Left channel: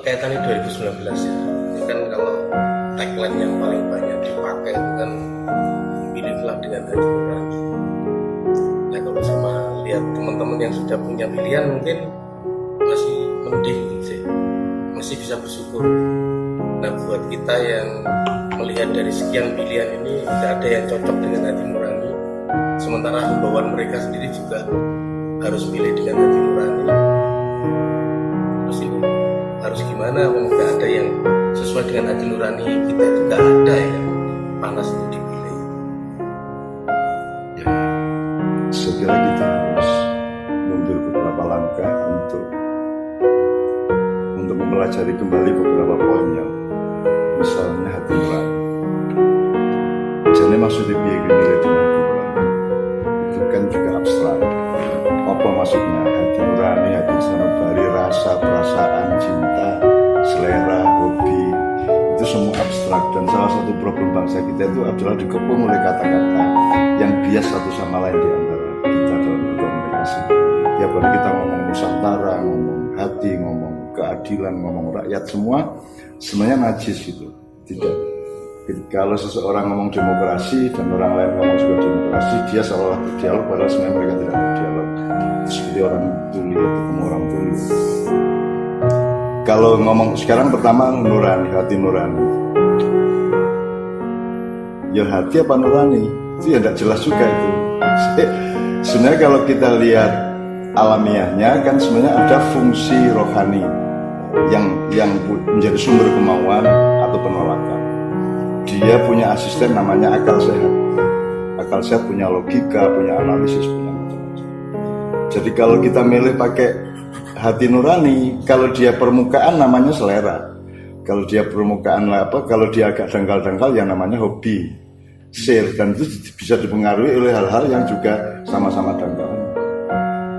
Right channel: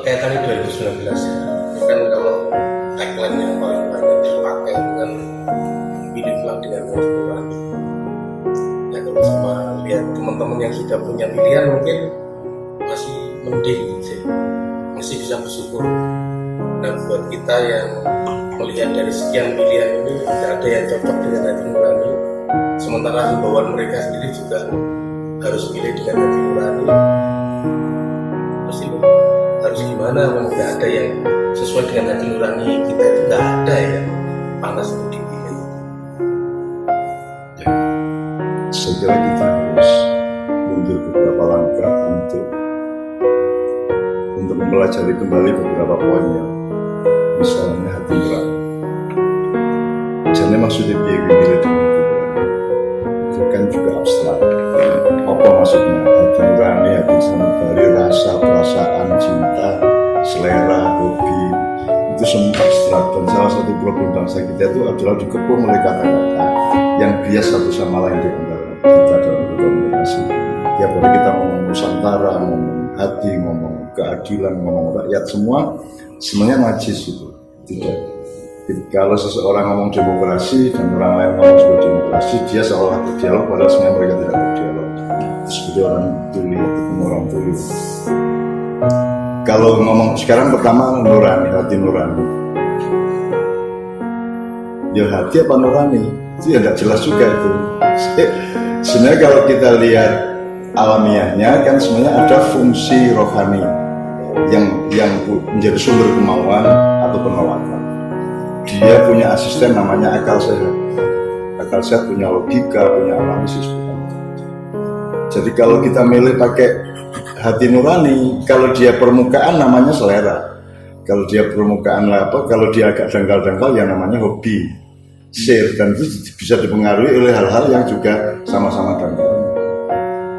Kaitannya 2019 ya, ini kan kalau tagline yang paling banyak dipakai itu kan pilihlah dengan hati nurani. Nah kalau sama lihat teman-teman yang sudah punya pilihan mungkin masih mending sih, masih bisa bersyukur. Nah buat kita yang melihat dari sekian pilihan ini tidak ada yang cocok dengan hati nurani, sementara himbauan mereka sendiri juga harus milih dengan hati nurani. Terus ini harus gimana? Nggak ada yang sesuai dengan hati nurani kita, itu nggak ada yang panas untuk dipilih. Ya, saya kira kita harus mundur beberapa langkah untuk mempelajari kembali beberapa poin yang misalnya hati nurani. Jadi maksudnya biaya milih dengan hati nurani itu kan juga abstrak. Apa maksudnya hati nurani, hati sanubari, rasa, perasaan, cinta, selera, hobi, itu semua abstrak. Dan salah satu problem bangsa kita itu adalah dikepung oleh kata-kata yang bias satu sama lain di antara kita dalam berkomunikasi. Tiap hari kita ngomong Nusantara, ngomong hati, ngomong keadilan, ngomong rakyat, semua sebenarnya najis itu. Tidak. Kalau seseorang ngomong demokrasi dan orang lain ngomong juga demokrasi, dia seolah berdialog padahal sebenarnya mereka tidak berdialog. Seperti orang tuli, ketemu orang tuli. Kalau ngomong sekarang pertama nurani, hati nurani. Ya hati apa nurani? Itu ya tidak jelas juga itu. Sebenarnya kalau kita lihat alamiahnya kan sebenarnya ada fungsi rohani yang menjadi sumber kemauan atau penolakan. Dia punya asisten namanya akal sehat. Akal sehat punya logika, punya analisis, punya macam-macam. Jadi kalau kita milih pakai hati nurani, kalau dia permukaan namanya selera. Kalau dia permukaan apa? Kalau dia agak dangkal-dangkal yang namanya hobi, share, dan itu bisa dipengaruhi oleh hal-hal yang juga sama-sama dangkal.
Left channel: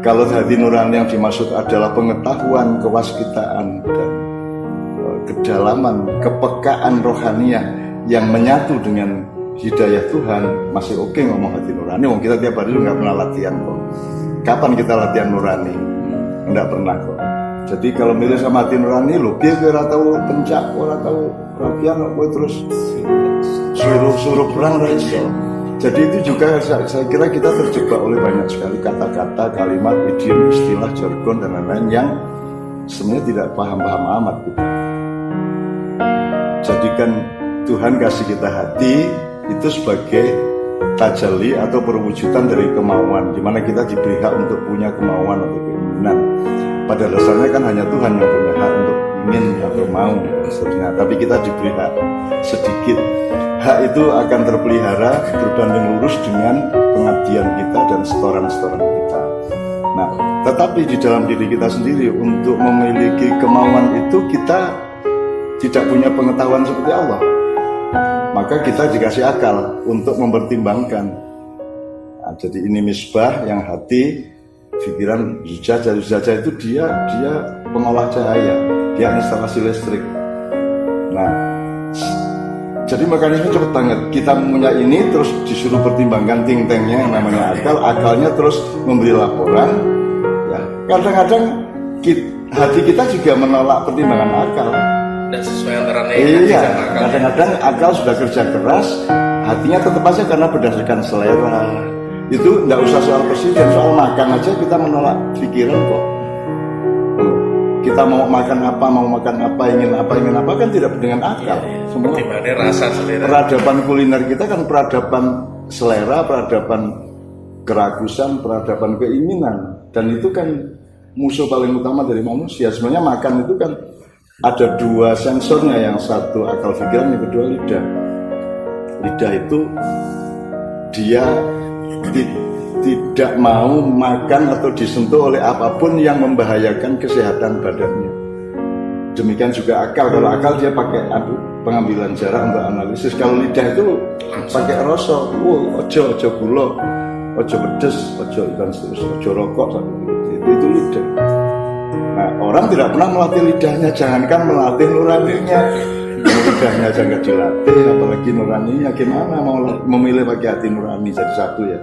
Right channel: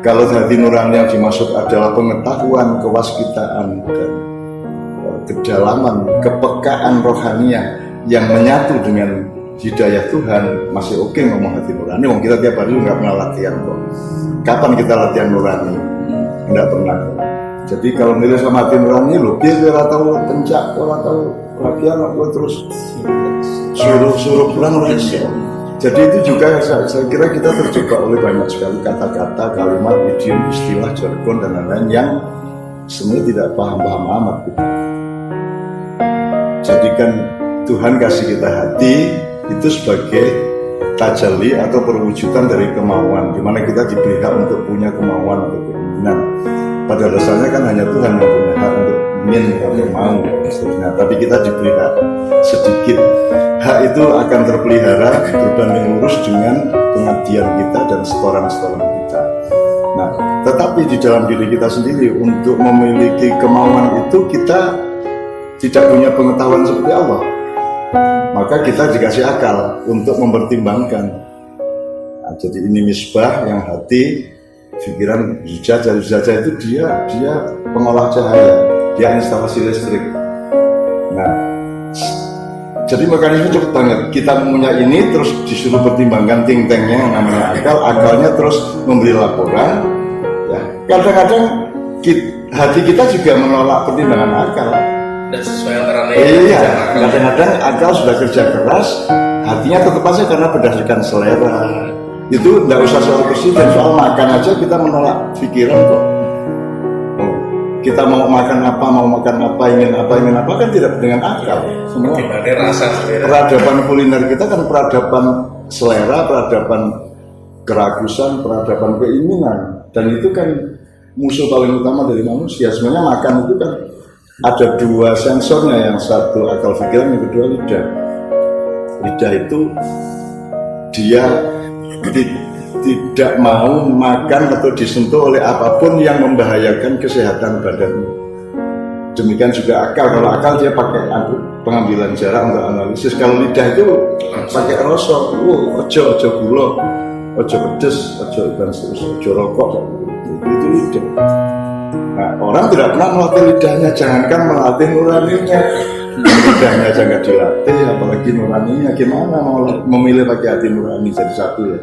Kalau hati nurani yang dimaksud adalah pengetahuan, kewaskitaan, dan kedalaman, kepekaan rohaniah yang menyatu dengan hidayah Tuhan, masih oke ngomong hati nurani. Wong kita tiap hari nggak pernah latihan kok. Kapan kita latihan nurani? Nggak pernah kok. Jadi kalau milih sama hati nurani, lo biar tahu pencak, ora tahu latihan, aku terus suruh perang reso. Jadi itu juga saya kira kita terjebak oleh banyak sekali kata-kata, kalimat, idiom, istilah, jargon dan lain-lain yang sebenarnya tidak paham-paham amat kita. Jadikan Tuhan kasih kita hati itu sebagai tajalli atau perwujudan dari kemauan, di mana kita diberi hak untuk punya kemauan atau keinginan. Pada dasarnya kan hanya Tuhan yang punya hak untuk ingin atau mau maksudnya. Tapi kita diberi hak sedikit. Hak itu akan terpelihara berbanding lurus dengan pengabdian kita dan setoran-setoran kita. Nah, tetapi di dalam diri kita sendiri untuk memiliki kemauan itu kita tidak punya pengetahuan seperti Allah. Maka kita dikasih akal untuk mempertimbangkan. Nah, jadi ini misbah yang hati, pikiran zujajah itu dia pengolah cahaya, dia instalasi listrik. Nah, jadi mekanisme cepat banget. Kita punya ini terus disuruh pertimbangkan ting-tengnya yang namanya akal, akalnya terus memberi laporan. Ya, kadang-kadang hati kita juga menolak pertimbangan akal. Tidak sesuai antara iya, kadang-kadang akal sudah kerja keras, hatinya tetap aja karena berdasarkan selera. Itu tidak usah soal presiden, soal makan aja kita menolak pikiran kok. Kita mau makan apa, ingin apa kan tidak dengan akal. Semua. Rasa selera. Peradaban kuliner kita kan peradaban selera, peradaban keragusan, peradaban keinginan, dan itu kan musuh paling utama dari manusia. Sebenarnya makan itu kan ada dua sensornya, yang satu akal pikiran, yang kedua lidah. Lidah itu dia tidak mau makan atau disentuh oleh apapun yang membahayakan kesehatan badannya. Demikian juga akal. Kalau akal dia pakai pengambilan jarak untuk analisis. Kalau lidah itu pakai rasa, ojo gula, ojo pedes, ojo dan seterusnya, ojo rokok, itu lidah. Nah, orang tidak pernah melatih lidahnya, jangankan melatih nuraninya. Lidahnya jangan dilatih, apalagi nuraninya. Gimana mau memilih pakai hati nurani? Jadi satu ya.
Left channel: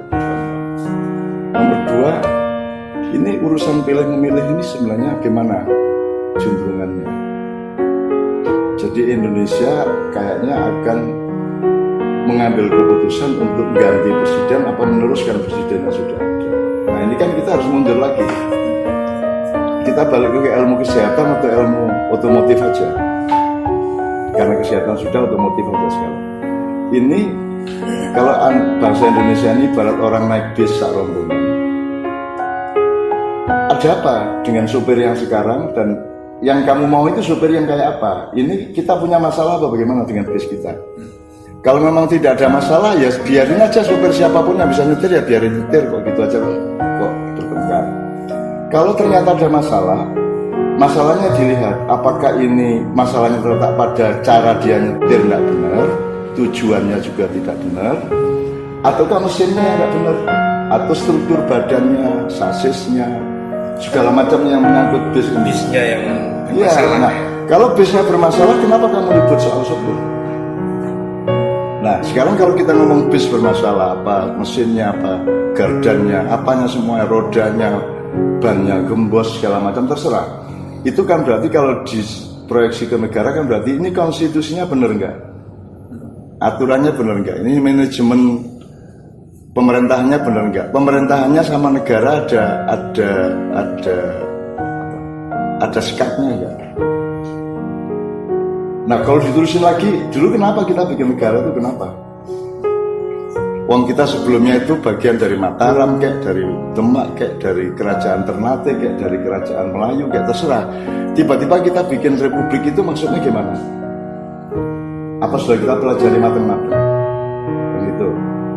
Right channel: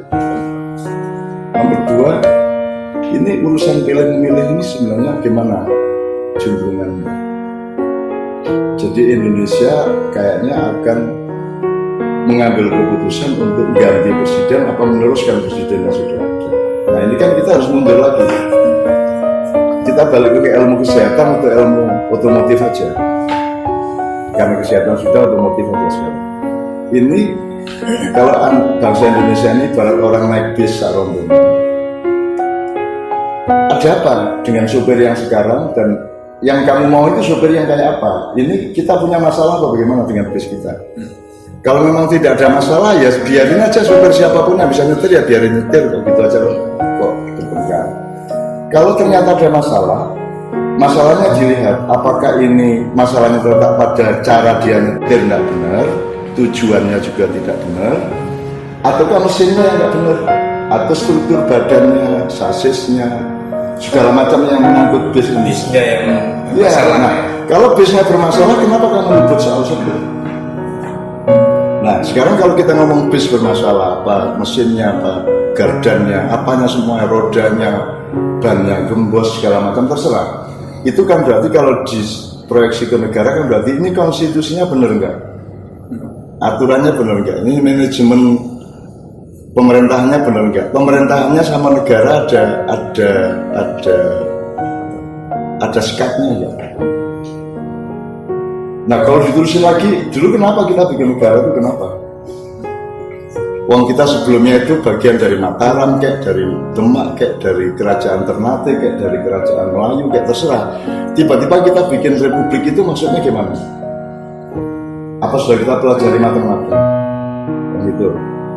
Nomor dua, ini urusan pilih memilih ini sebenarnya gimana juntrungannya. Jadi Indonesia kayaknya akan mengambil keputusan untuk ganti presiden apa meneruskan presiden yang sudah ada. Nah ini kan kita harus mundur lagi. Kita balik ke ilmu kesehatan atau ilmu otomotif aja. Karena kesehatan sudah, otomotif aja sekarang. Ini kalau bangsa Indonesia ini ibarat orang naik bis sak rombongan. Ada apa dengan supir yang sekarang dan yang kamu mau itu supir yang kayak apa? Ini kita punya masalah atau bagaimana dengan bis kita? Kalau memang tidak ada masalah ya biarin aja supir siapapun yang bisa nyetir ya biarin nyetir kok gitu aja kok bertengkar. Kalau ternyata ada masalah, masalahnya dilihat apakah ini masalahnya terletak pada cara dia nyetir tidak benar, tujuannya juga tidak benar, ataukah mesinnya yang tidak benar, atau struktur badannya, sasisnya, segala macam yang menyangkut bis ini. Bisnya yang Ya, bermasalah. nah, kalau bisnya bermasalah, kenapa kamu ribut soal supir? Nah, sekarang kalau kita ngomong bis bermasalah, apa mesinnya, apa gardannya, apanya semua, rodanya, bannya, gembos, segala macam terserah. Itu kan berarti kalau diproyeksi ke negara kan berarti ini konstitusinya benar enggak? Aturannya benar enggak? Ini manajemen pemerintahannya benar enggak? Pemerintahannya sama negara ada sikapnya ya. Nah kalau diterusin lagi, dulu kenapa kita bikin negara itu kenapa? Wong kita sebelumnya itu bagian dari Mataram, kayak dari Demak, kayak dari kerajaan Ternate, kayak dari kerajaan Melayu, kayak terserah. Tiba-tiba kita bikin republik itu maksudnya gimana? Apa sudah kita pelajari matematika? Begitu.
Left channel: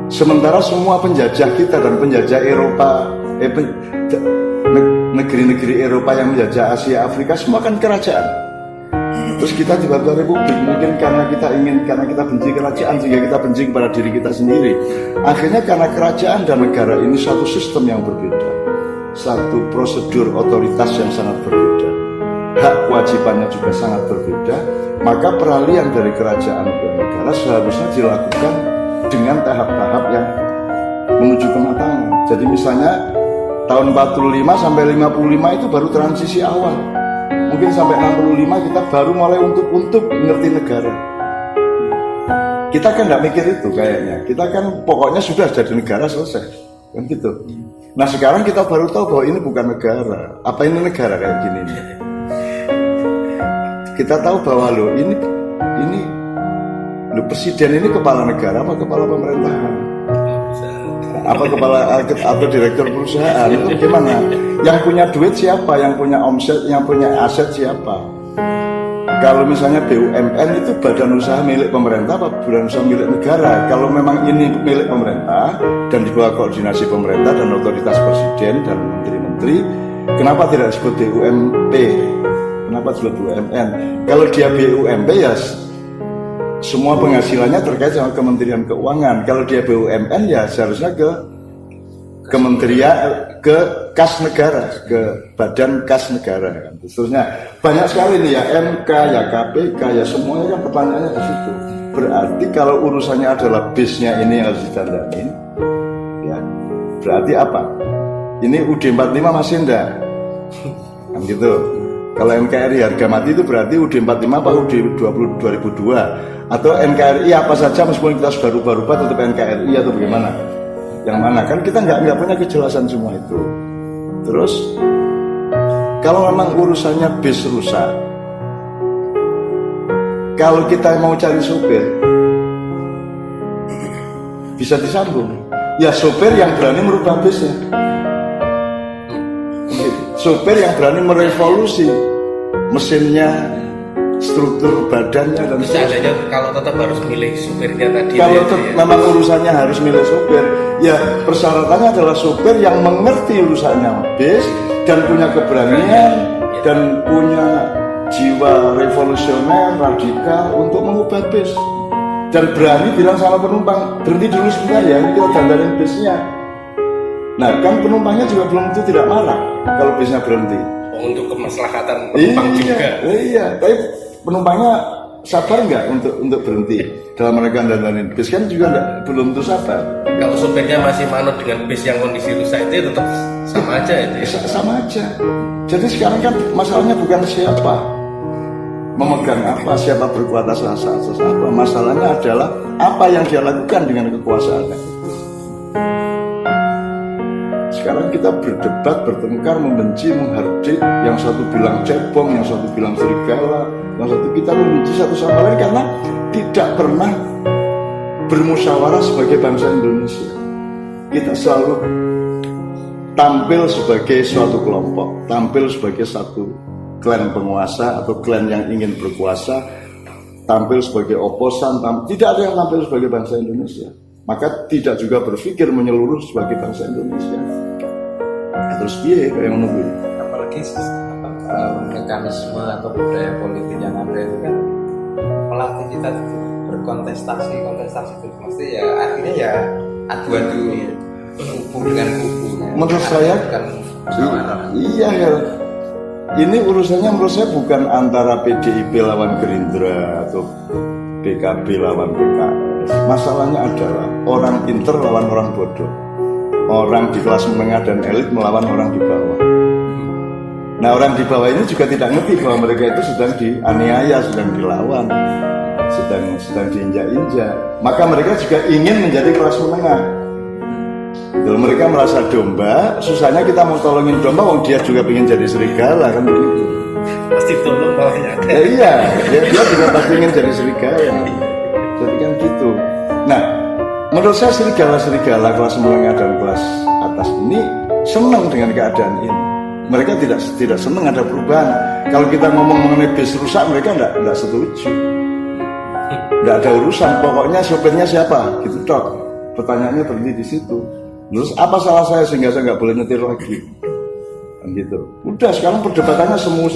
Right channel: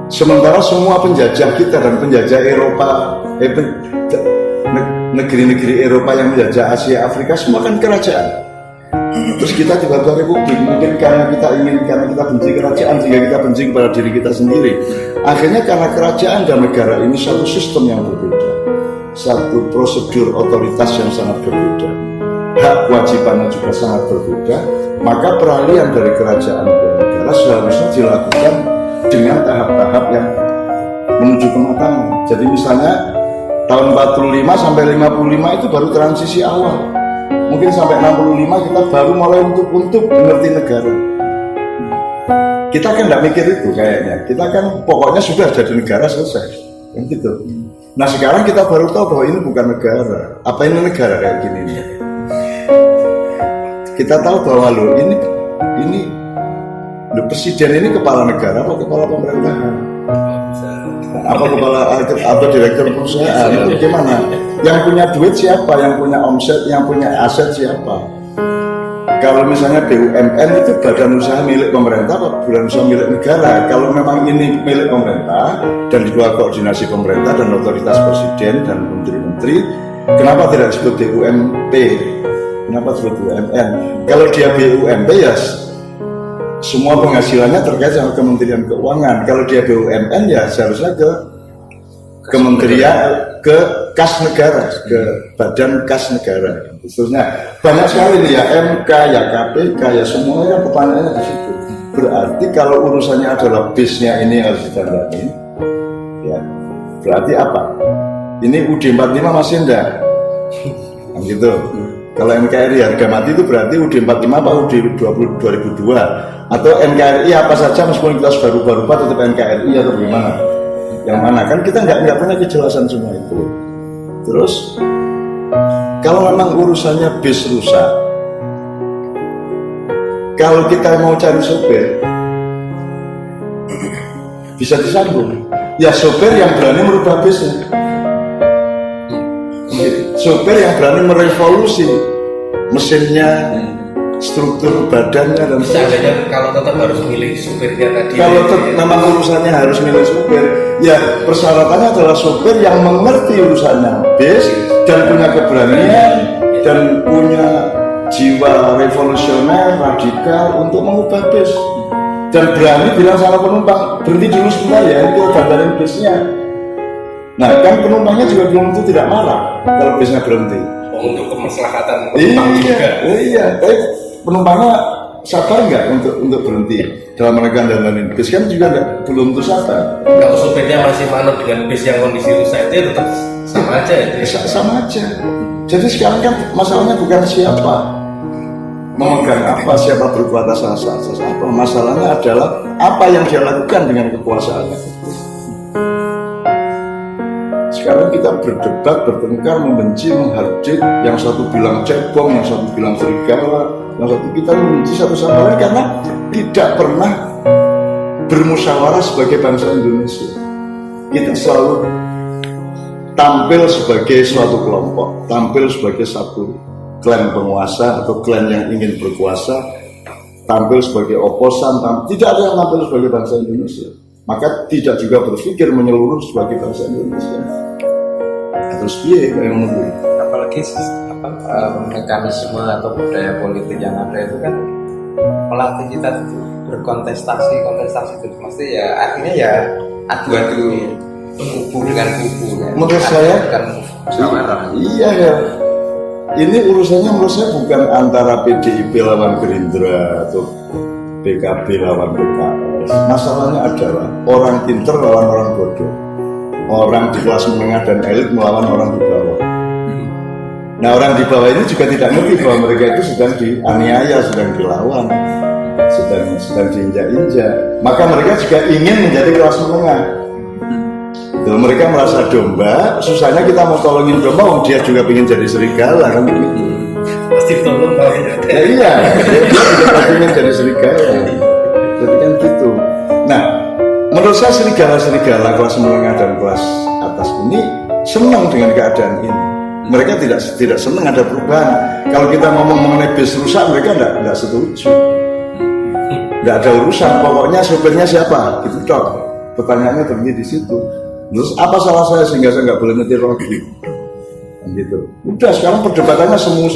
Sementara semua penjajah kita dan penjajah Eropa, negeri-negeri Eropa yang menjajah Asia, Afrika semua kan kerajaan. Terus kita tiba-tiba republik, mungkin karena kita benci kerajaan sehingga kita benci kepada diri kita sendiri. Akhirnya karena kerajaan dan negara ini satu sistem yang berbeda, satu prosedur otoritas yang sangat berbeda, hak kewajibannya juga sangat berbeda, maka peralihan dari kerajaan ke negara seharusnya dilakukan dengan tahap-tahap yang menuju kematangan. Jadi misalnya tahun 45 sampai 55 itu baru transisi awal. Mungkin sampai 65 kita baru mulai untuk mengerti negara. Kita kan tidak mikir itu kayaknya. Kita kan pokoknya sudah jadi negara selesai, kan gitu. Nah sekarang kita baru tahu bahwa ini bukan negara. Apa ini negara kayak gini nih? Kita tahu bahwa ini presiden ini kepala negara apa kepala pemerintahan? Apa kepala atau direktur perusahaan itu gimana? Yang punya duit siapa? Yang punya omset, yang punya aset siapa? Kalau misalnya BUMN itu badan usaha milik pemerintah atau badan usaha milik negara? Kalau memang ini milik pemerintah dan di bawah koordinasi pemerintah dan otoritas presiden dan menteri-menteri, kenapa tidak disebut BUMP? Kenapa disebut BUMN? Kalau dia BUMP ya semua penghasilannya terkait sama Kementerian Keuangan. Kalau dia BUMN ya seharusnya ke kementerian, ke kas negara, ke badan kas negara. Khususnya banyak sekali nih ya MK, ya KPK, ya semuanya pertanyaannya di situ. Berarti kalau urusannya adalah bisnya ini harus ditandani, ya berarti apa? Ini UD 45 masih enggak? Gitu. Kalau NKRI harga mati itu berarti UD 45 apa UD 2002 atau NKRI apa saja meskipun kita sudah rubah-rubah tetap NKRI atau bagaimana? Yang mana kan kita nggak punya kejelasan semua itu. Terus kalau memang urusannya bis rusak, kalau kita mau cari sopir bisa disambung. Ya sopir yang berani merubah bisnya. Sopir yang berani merevolusi mesinnya, struktur badannya dan seandainya kalau tetap harus milih supirnya tadi. Kalau memang urusannya harus milih supir, ya persyaratannya adalah supir yang mengerti urusannya bis dan punya keberanian dan punya jiwa revolusioner radikal untuk mengubah bis dan berani bilang sama penumpang berhenti dulu sebentar ya, itu dandanin bisnya. Nah kan penumpangnya juga belum tentu tidak marah kalau bisnya berhenti. Untuk kemaslahatan penumpang juga. Iya, tapi penumpangnya sabar nggak untuk berhenti dalam menekan dandanin bis kan juga belum tentu sabar. Kalau supirnya masih manut dengan bis yang kondisi rusak itu ya tetap sama aja itu. Sama aja. Jadi sekarang kan masalahnya bukan siapa, memegang apa, siapa berkuasa atas apa. Masalahnya adalah apa yang dia lakukan dengan kekuasaannya. Sekarang kita berdebat, bertengkar, membenci, menghardik. Yang satu bilang cebong, yang satu bilang serigala, yang satu kita membenci satu sama lain karena tidak pernah bermusyawarah sebagai bangsa Indonesia. Kita selalu tampil sebagai suatu kelompok, tampil sebagai satu klan penguasa atau klan yang ingin berkuasa, tampil sebagai oposan, tidak ada yang tampil sebagai bangsa Indonesia. Maka tidak juga berpikir menyeluruh sebagai bangsa Indonesia. Terus piye yang menurut? Apalagi mekanisme atau budaya politik yang ada itu kan melatih kita itu berkontestasi itu mesti ya artinya ya adu-adu kubu dengan kubu kan. Menurut saya bukan musyawarah. Iya ya. Ini urusannya menurut saya bukan antara PDIP lawan Gerindra atau PKB lawan PKS. Masalahnya adalah orang pinter lawan orang bodoh. Orang di kelas menengah dan elit melawan orang di bawah. Nah, orang di bawah ini juga tidak ngerti bahwa mereka itu sedang dianiaya, sedang dilawan, sedang diinjak-injak. Maka mereka juga ingin menjadi kelas menengah. Itu mereka merasa domba, susahnya kita mau tolongin domba, wong dia juga ingin jadi serigala kan begitu. Pasti tolong bawahnya. Ya iya, dia juga pasti ingin jadi serigala. Jadi kan gitu. Nah, menurut saya serigala kelas menengah dan kelas atas ini senang dengan keadaan ini. Mereka tidak senang ada perubahan. Kalau kita ngomong mengenai bis rusak, mereka tidak setuju. Tidak ada urusan. Pokoknya sopirnya siapa? Gitu dok. Pertanyaannya berhenti di situ. Terus apa salah saya sehingga saya nggak boleh nyetir lagi? Kan gitu. Udah sekarang perdebatannya semua.